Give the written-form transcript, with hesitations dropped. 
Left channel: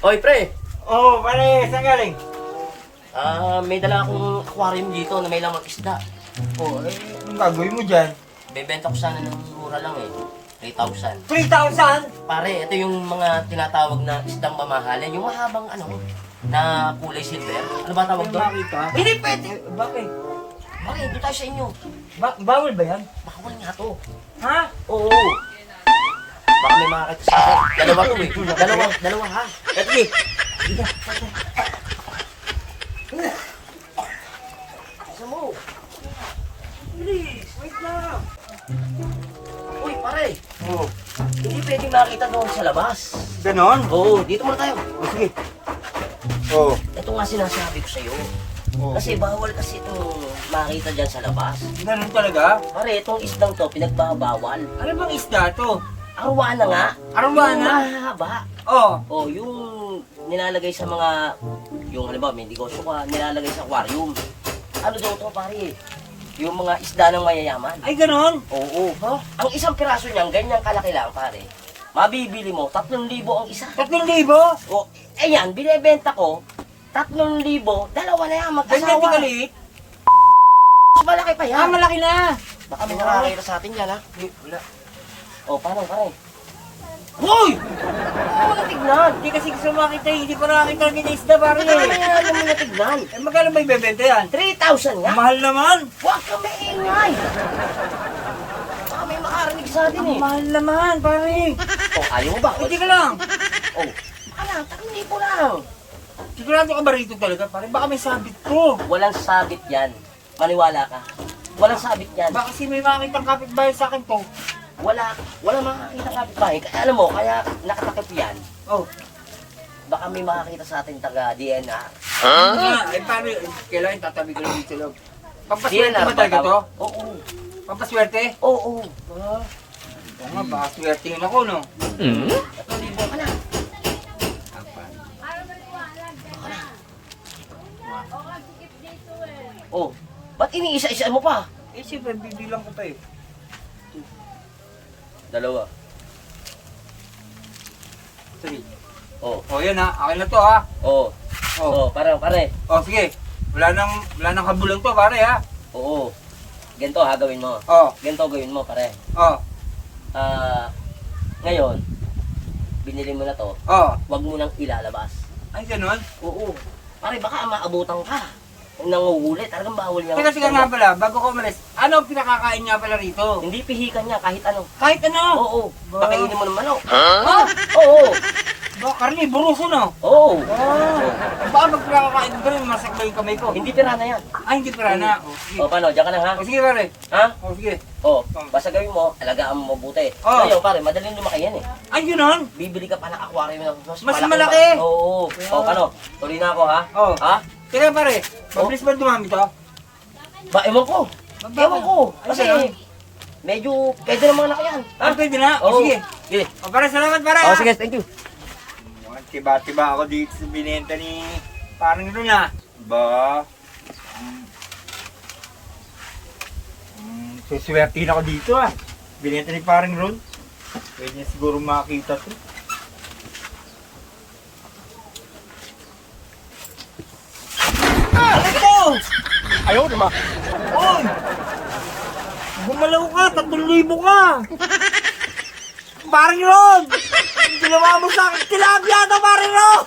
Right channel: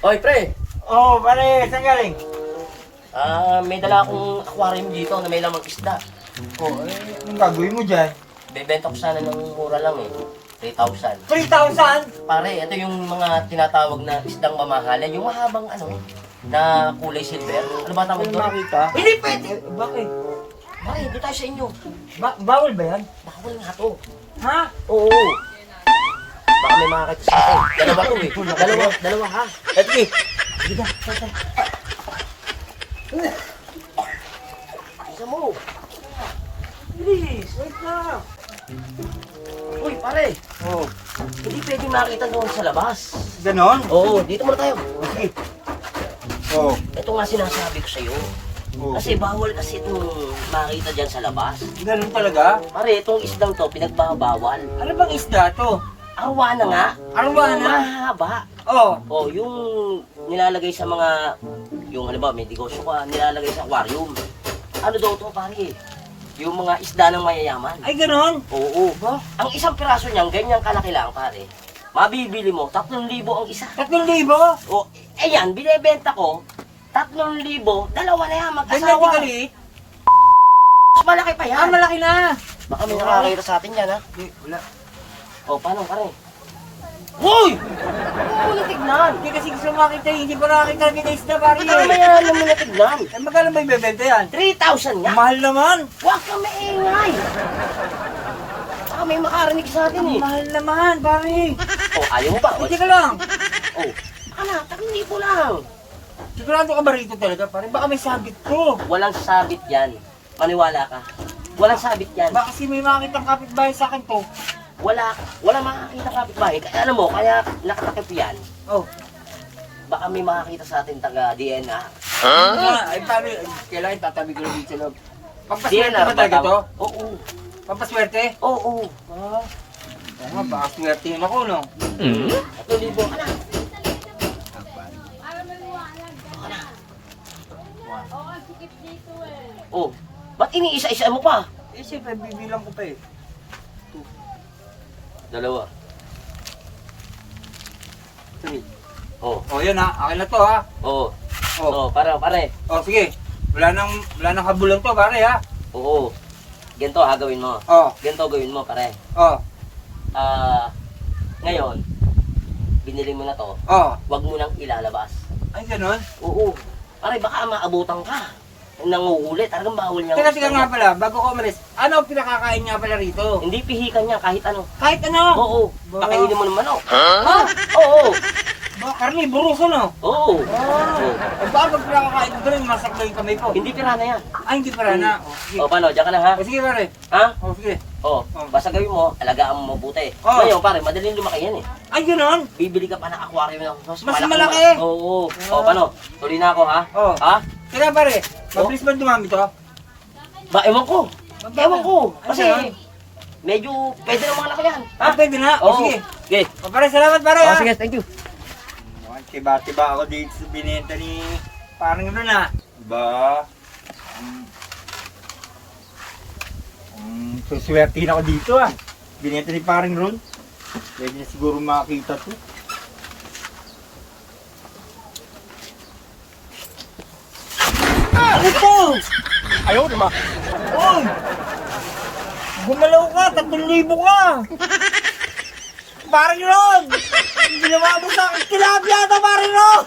Oy, pre. Oh, pare, saan galing? May dala akong aquarium dito na may lamang isda. Oh, anong gagawin mo dyan? Bebenta ko sana ng mura lang eh. 3,000. 3,000? Pare, ito yung mga tinatawag na isdang mamahalan. Yung mahabang na kulay silver. Ano ba tawag May doon? makita? Hindi pwede. Bakit? Pare, doon tayo sa inyo. Bawal ba yan? Baka wala nga to. Ha? Oo. Baka may makakita sa akin. Dalawa to eh. Dalawa ha. Sige. Isa mo. Please, wait lang. Uy, pare. Oh, Hindi pwede makita doon sa labas. ganon? Oo, dito muna tayo. Oh, sige. Oh, Ito nga sinasabi ko sa'yo. oh. Kasi bawal kasi itong makita dyan sa labas. Ganon talaga? Pare, itong isdang to, pinagbabawal. Ano bang isda to? Arwana nga. Arwana? Yung mahaba. Oh, O, yung nilalagay sa mga, yung ano ba, may negosyo ka, nilalagay sa aquarium. Ano daw to, pare? Yung mga isda ng mayayaman. ay ganon? Oo. Ba? Ang isang piraso niyan, ganyang kalaki lang, pare. Mabibili mo, 3,000 ang isa. 3,000? O, ayan, binebenta ko, 3,000, dalawa na yan, Ganyan di mag-asawa. kalit? Mas malaki pa yan. Ah, malaki na. Baka may nakakita sa atin yan, ha? Wala. O, paano, pare? Hoy! Ano na tignan? Hindi kasi gusto makita, hindi pa nakakita ng isda, pare. Ano yan? Ano mo na tignan? Eh, magkano ba ibebenta yan? 3,000 nga? Mahal naman. Huwag ka maingay! Baka may makarinig sa atin eh. Mahal naman, pare. O, ayaw mo ba? Hindi ka lang. O, ano, 3,000 lang. Sigurado ka ba rito talaga, pare? Baka may sabit ko. Walang sabit yan. Maniwala ka. Walang sabit yan. Baka kasi may makakitang kapitbahay sa akin to. Wala makakita kapitbahay. Kaya alam mo, kaya nakatakip yan. Oh. Baka may makakita sa atin taga DNR. Ah, ay paano? Kailangan tatabi ko lang dito lang. Pampaswerte ba talaga to? Oo. Pampaswerte? Oo. Ah. Ito nga, baka swertein ako, no? 3,000 ka na. Oh, ba't iniisa-isa mo pa? Eh, siyempre, bibilang ko pa eh. Dalawa. Sige. Oh. Oh, yan ha. Akin na to ha. Oo. Oh. Oh, pare. Oh, sige. Wala nang habulan to, pare ha. Oo. Ganito ha, gawin mo. Oh. Ganito gawin mo, pare. Oh. Ngayon, binili mo na to, Oh. wag mo nang ilalabas. Ay, ganon. Oo. Pare, baka maabutan ka. Nanguhuli, talagang bawal yan. Teka, sige nga pala, bago ko umalis, ano ang pinakakain niya pala rito? Hindi pihikan niya kahit ano. Kahit ano? Oo. Ba? Pakainin mo ng manok. Ha? Oo. Ba, karnivorous ano? Oo. Baka pag pinakakain ko rin, masaklo yung kamay ko. Hindi pira na yan. Ay, hindi para na. Oh, sige. O, paano? Diyan ka na ha? Oh, sige pare. Ha? Oh, sige. O, basta gawin mo, alagaan mo mabuti. Oh. Ngayon, pare, madaling lumaki yan eh. Ay, ganon? Bibili ka pa ng aquarium na Mas malaki. Oo. O, paano? Tuloy na ako ha? Oh. Ha? Teka pare, mabilis ba dumami to? Ba, ewan ko. Ewan ko. Ay, Kasi, ganon? medyo, pwede na mga anak yan. Ha? Ah, pwede na? Oh, Oo. sige. Okay. Oh, pare, salamat pare ha. sige, thank you. Tiba-tiba ako dito sa binenta ni parang ito na. Ba? Suswertihin ako dito ah. Binenta ni parang Ron. Pwede na siguro makakita to. Ah! Ito! Ayaw naman. Oy! Gumalaw ka! 3,000 ka! Parang Ron! Ginawa mo sa akin! Tilapia na parang Ron!